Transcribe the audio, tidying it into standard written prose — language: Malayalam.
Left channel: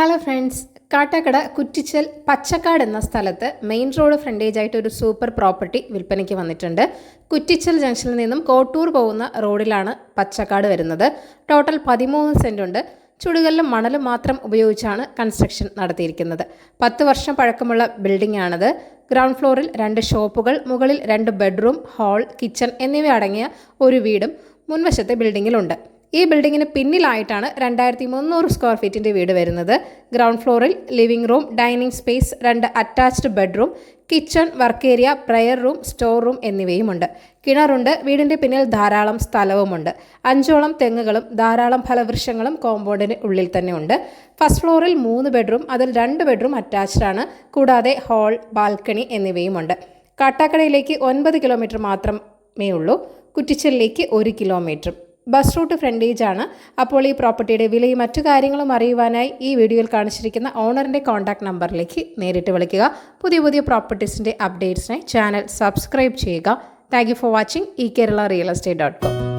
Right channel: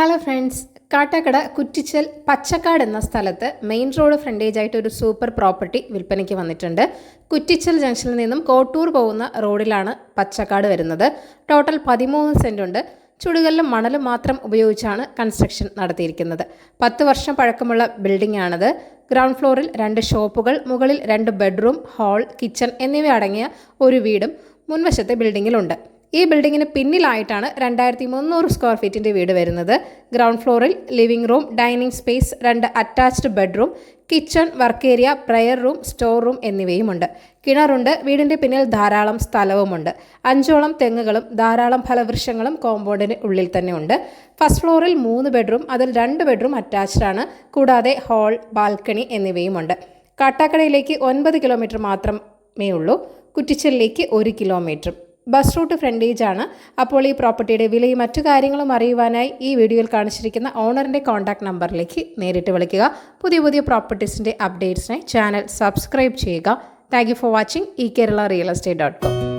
ഹലോ ഫ്രണ്ട്സ്, കാട്ടാക്കട കുറ്റിച്ചൽ പച്ചക്കാട് എന്ന സ്ഥലത്ത് മെയിൻ റോഡ് ഫ്രണ്ടേജ് ആയിട്ട് ഒരു സൂപ്പർ പ്രോപ്പർട്ടി വിൽപ്പനയ്ക്ക് വന്നിട്ടുണ്ട്. കുറ്റിച്ചൽ ജംഗ്ഷനിൽ നിന്നും കോട്ടൂർ പോകുന്ന റോഡിലാണ് പച്ചക്കാട് വരുന്നത്. ടോട്ടൽ 13 സെന്റ് ഉണ്ട്. ചുടുകല്ലും മണലും മാത്രം ഉപയോഗിച്ചാണ് കൺസ്ട്രക്ഷൻ നടത്തിയിരിക്കുന്നത്. 10 വർഷം പഴക്കമുള്ള ബിൽഡിംഗ് ആണത്. ഗ്രൗണ്ട് ഫ്ലോറിൽ 2 ഷോപ്പുകൾ, മുകളിൽ 2 ബെഡ്റൂം, ഹാൾ, കിച്ചൺ എന്നിവ അടങ്ങിയ ഒരു വീടും മുൻവശത്തെ ബിൽഡിങ്ങിലുണ്ട്. ഈ ബിൽഡിങ്ങിന് പിന്നിലായിട്ടാണ് 2300 സ്ക്വയർ ഫീറ്റിൻ്റെ വീട് വരുന്നത്. ഗ്രൗണ്ട് ഫ്ലോറിൽ living room, dining space, 2 attached bedroom, kitchen, work area, prayer room, store room എന്നിവയുമുണ്ട്. കിണറുണ്ട്. വീടിൻ്റെ പിന്നിൽ ധാരാളം സ്ഥലവുമുണ്ട്. 5ഓളം തെങ്ങുകളും ധാരാളം ഫലവൃക്ഷങ്ങളും കോമ്പൗണ്ടിന് ഉള്ളിൽ തന്നെ ഉണ്ട്. ഫസ്റ്റ് ഫ്ലോറിൽ 3 ബെഡ്റൂം, അതിൽ 2 ബെഡ്റൂം അറ്റാച്ച്ഡ് ആണ്. കൂടാതെ ഹാൾ, ബാൽക്കണി എന്നിവയുമുണ്ട്. കാട്ടാക്കടയിലേക്ക് 9 കിലോമീറ്റർ മാത്രമേ ഉള്ളൂ. കുറ്റിച്ചലിലേക്ക് 1 കിലോമീറ്റർ. ബസ് റൂട്ട് ഫ്രണ്ടേജ് ആണ്. അപ്പോൾ ഈ പ്രോപ്പർട്ടിയുടെ വിലയും മറ്റു കാര്യങ്ങളും അറിയുവാനായി ഈ വീഡിയോയിൽ കാണിച്ചിരിക്കുന്ന ഓണറിൻ്റെ കോൺടാക്ട് നമ്പറിലേക്ക് നേരിട്ട് വിളിക്കുക. പുതിയ പ്രോപ്പർട്ടീസിൻ്റെ അപ്ഡേറ്റ്സിനായി ചാനൽ സബ്സ്ക്രൈബ് ചെയ്യുക. Thank you for watching eKerala Real Estate.com.